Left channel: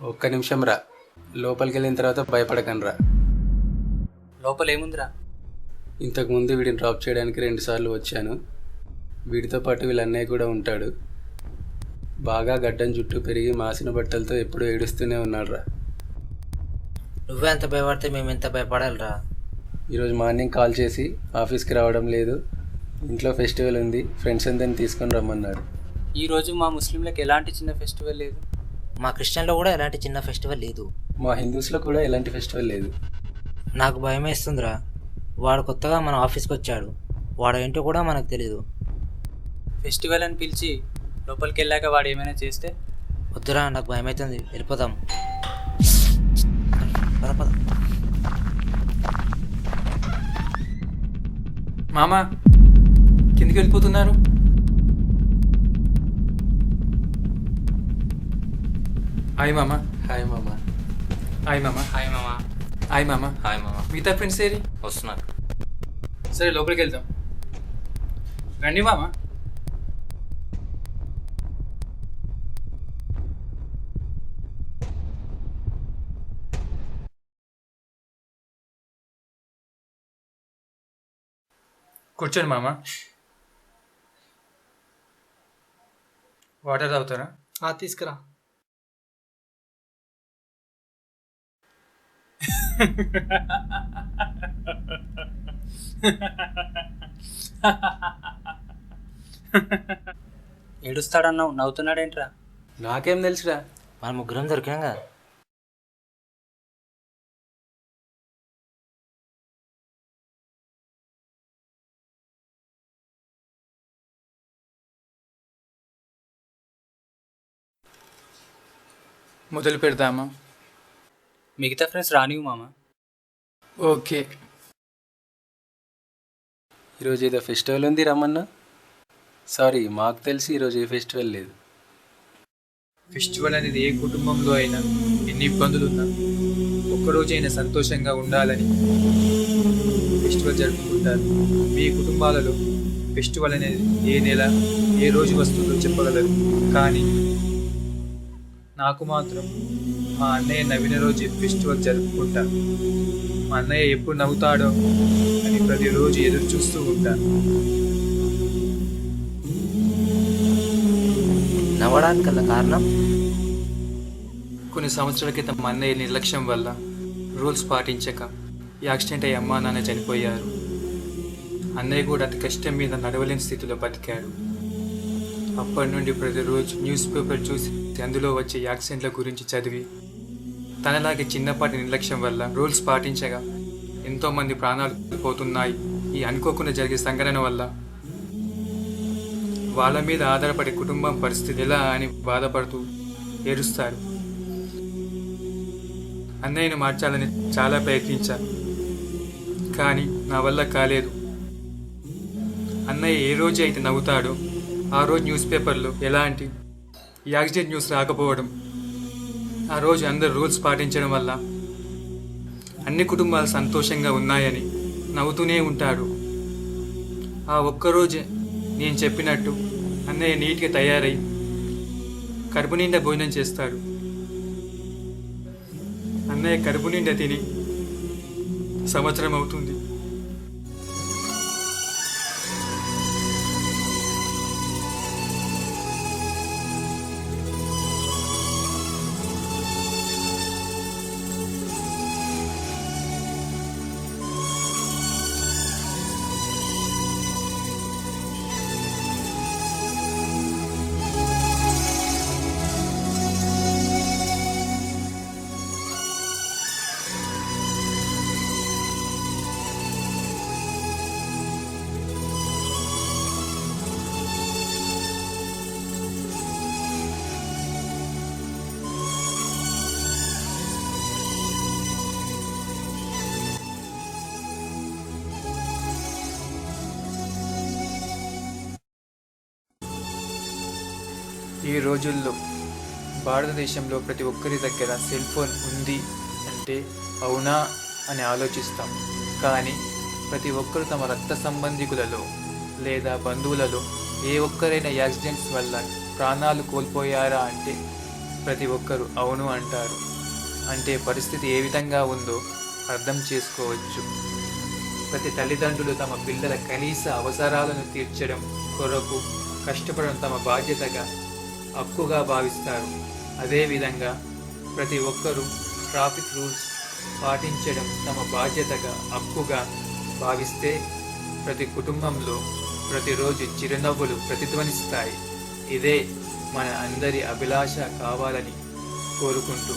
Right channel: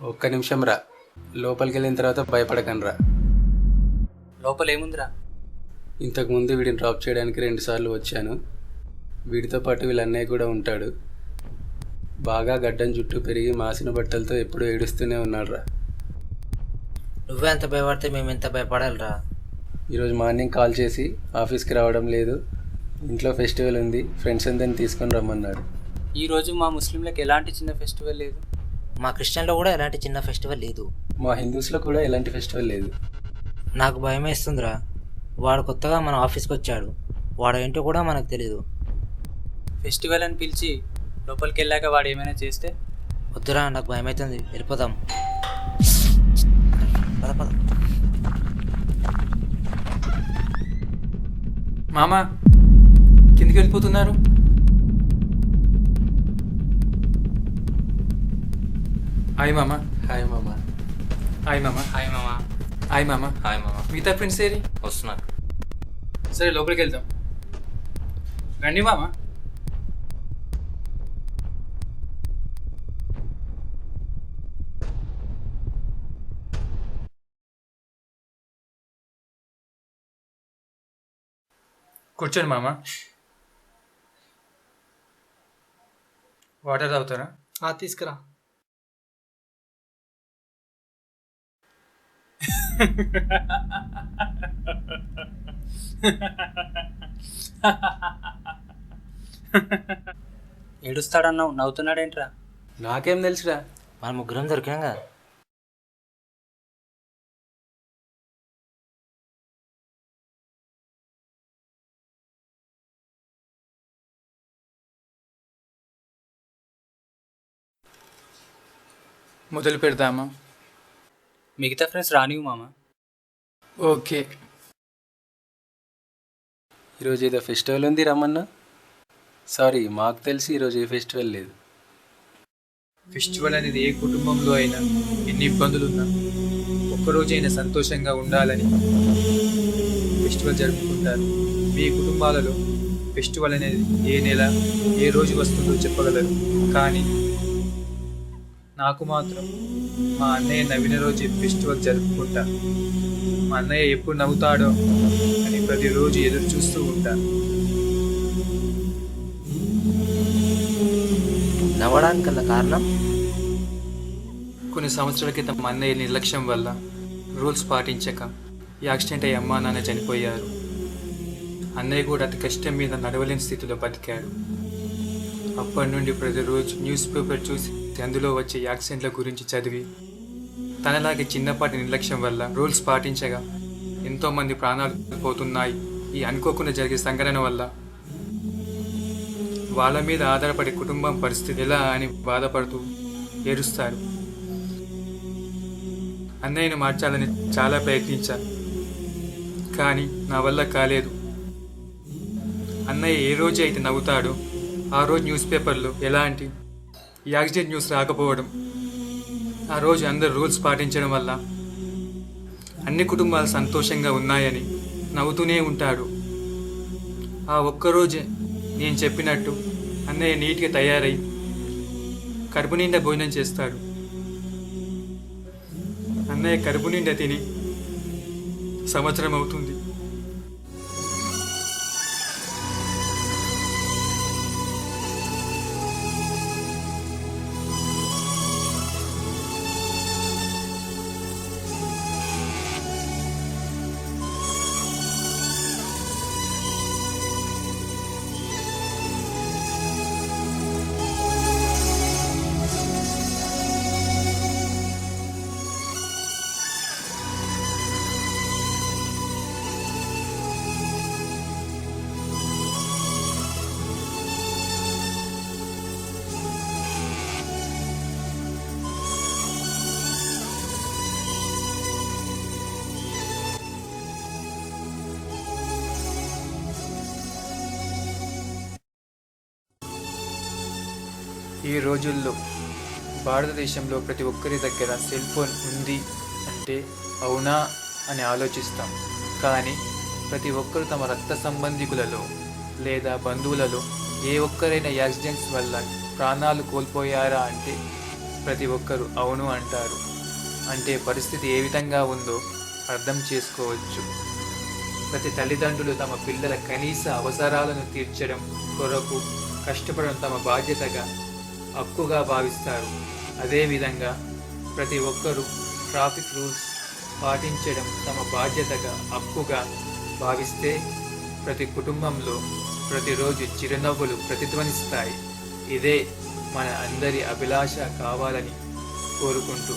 ఒక్క నిమిషం రా, లోపలికి వెళ్ళిన తర్వాత భయపడకనరా. లోపల ఏముందిరా? ఇంతకుముందు వీడిని డ్రాప్ చేయడానికి 2 సార్లు వచ్చాను. వీడితో పాటు వీళ్ళ అన్నయ్య కూడా ఉంటాడు. బాగా గడ్డం జుట్టు పెరిగి మాసిన బట్టలతో ఎప్పుడూ ఏడుస్తూనే ఉన్నాడు రా. నువ్వే ఎంత భయపడితే మేము ఎంత భయపడాలిరా? ఈరోజు మార్నింగ్ కాల్ చేసి ఆఫీస్కి రావడం లేదు, ఇంట్లో ఫెస్టివల్ ఉంది, ఫ్రెండ్స్ అందరిని తీసుకొని రమ్మన్నాడు. ఈరోజు మా ముస్లింలకు ఎలాంటి చిన్న ఫెస్టివల్ లేదు. మా క్రిస్టియన్లో కూడా ఎలాంటి చిన్న ఫెస్టివల్ లేదు. మా హిందూస్లో కూడా ఎలాంటి ఫెస్టివల్ లేదు. నాకు భయం వేస్తుందిరా. వాడు కొత్తగా మన ఆఫీస్కి వచ్చాడు, వాడు ఏంటో కూడా మనకు తెలీదు. ఫెస్టివల్ అని పిలిచి లోపలికి వెళ్ళాక వాడు ఏమైనా చేస్తే? వద్దురా, నాకు భయం అవుతుంది, వెళ్ళిపోదాం. పద పద. మామ, కిందికి వెళ్ళిపోతున్నారు? హాయ్ మామ. హాయ్ మామ. హాయ్ మామ. హాయ్ మామా. హాయ్ మామ. హాయ్ మామ. మిగతా ఫ్రెండ్స్ ఏరి? వస్తున్నారు. సరే లోపలికి వెళ్దాం, రండి మామా. కూర్చోండి మామ. వాటర్ తాగుతారా? తీసుకురా. ఏడుస్తాడన్నావు, నవ్వుతున్నాడేంట్రా? నాకేం తెలుసురా. మన ముగ్గురం దొరికినాం కదా. మొదలు పెడదామా? మిగతా ఫ్రెండ్స్ రానివు మామా. ఓకే. ఈరోజు ఏదో ఫెస్టివల్ ఉంది రమ్మన్నా. సారీ, మాకు తెలిసి ఈరోజు ఏ ఫెస్టివల్ లేదు. ఫెస్టివల్ అనేది ఏ కుటుంబంలో అయినా ఎన్ని ఇబ్బందులున్నా ఒక్కరోజైనా సంతోషంగా ఉండాలని ఫెస్టివల్ జరుపుకుంటారు. మీ కుటుంబాలలో ఫెస్టివల్ అనేది ఏ నెల ఏ రోజు వస్తుందో చెప్పగలరు, కానీ నాకు మాత్రం మా అన్నయ్య నవ్విన రోజు ఫెస్టివల్ జరుపుకుంటా. మా అన్నయ్య ఎప్పుడు నవ్వుతాడో అని ప్రతిరోజు ఎదురు చూస్తూ ఉంటా. నవ్వడానికల్లా కారణం కొన్ని సంవత్సరాల క్రితం మా అన్నయ్య నిర్లక్ష్యం వల్ల రూల్స్ పాటించక యాక్సిడెంట్ అయ్యి అమ్మా నాన్న చనిపోయారు. అన్నయ్య కూడా అతి కష్టం మీద నడవలేని స్థితిలో బతికాడు. అప్పటి నుండి ప్రతిరోజు న్యూస్ పేపర్ చూసి అందులో వచ్చే యాక్సిడెంట్ల గురించి చదివి తనలాగే చిన్నపాటి నిర్లక్ష్యం వల్ల రూల్స్ పాటించగా ఎంతోమంది ప్రాణాలు పోతున్నాయి. ఈ అనుకోకుండా జరిగే సంఘటన వల్ల వాళ్ళ మీద ఆధారపడే కుటుంబం పరిస్థితి ఎలా అని బాధపడుతూ ఏడుస్తారు. అన్నయ్యను మార్చాలని చాలా ప్రయత్నించా, కానీ నా వల్ల కాలేదు. అన్నయ్య ఏ రోజు అయితే నవ్వుతాడో ఆ రోజు న్యూస్ పేపర్లో ఎలాంటి యాక్సిడెంట్ న్యూస్ రాకపోవడం, ఆ రోజు అందరు రూల్స్ పాటించడం వల్ల అన్ని కుటుంబాలు సంతోషంగా ఉన్నాయని నవ్వుతూనే ఉంటాడు. ఆ ఒక్కరోజే నేను చెప్పినట్టు అన్నయ్య నీట్గా తయారై కడుపు నిండా భోజనం చేస్తాడు. అన్నయ్య కడుపు నిండా తిని సంవత్సరం అవుతుంది. ఈ రోజుల్లో భారతదేశంలో ప్రతి ఒక్కరి దగ్గర సెల్ ఫోన్ ఉంది అంటే అవునా అని ఆలోచిస్తాం. కానీ ప్రతి ఒక్కరు తమ రక్త సంబంధికులలో లేదా బంధువులలో ఏ ఒక్కరైనా యాక్సిడెంట్స్ వల్ల ప్రాణాలు కోల్పోయారా అంటే ప్రతి ఒక్కరు అవును అంటారు. అంటే పరిస్థితి ఏ విధంగా ఉందో అర్థం చేసుకోవచ్చు. ప్రతి తల్లిదండ్రులు తమ పిల్లల కనీస అవసరాలను తీర్చడం కొరకు కష్టపడడం తమ బాధ్యతగా హక్కుగా భావిస్తారు. అదేవిధంగా ప్రతి ఒక్కరూ ట్రాఫిక్ రూల్స్ పాటించడం తమ బాధ్యతగా హక్కుగా భావిస్తే ప్రతి కుటుంబంలో ప్రతిరోజు చిరునవ్వులు ప్రతిధ్వనిస్తాయి. ఇదే మన అందరి అభిలాష కావాలని కోరుకుంటూ